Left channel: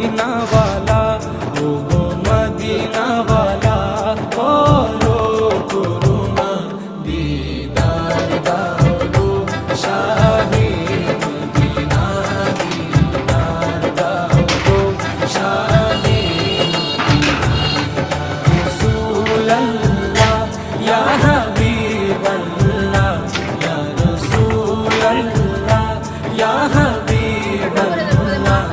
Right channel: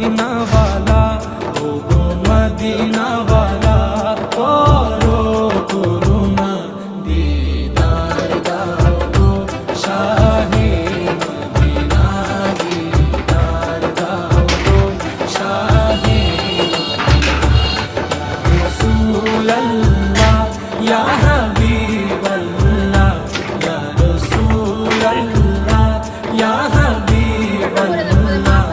মদিনাওয়ালা, ও গো মদিনাওয়ালা, করো করুণা, দিদার দাও গো শাহে মদিনা, দিদার দাও গো শাহে রাসূলুল্লাহ, ইয়া হাবিবাল্লাহ, ইয়া রাসূলুল্লাহ, ইয়া হাবিবাল্লাহ।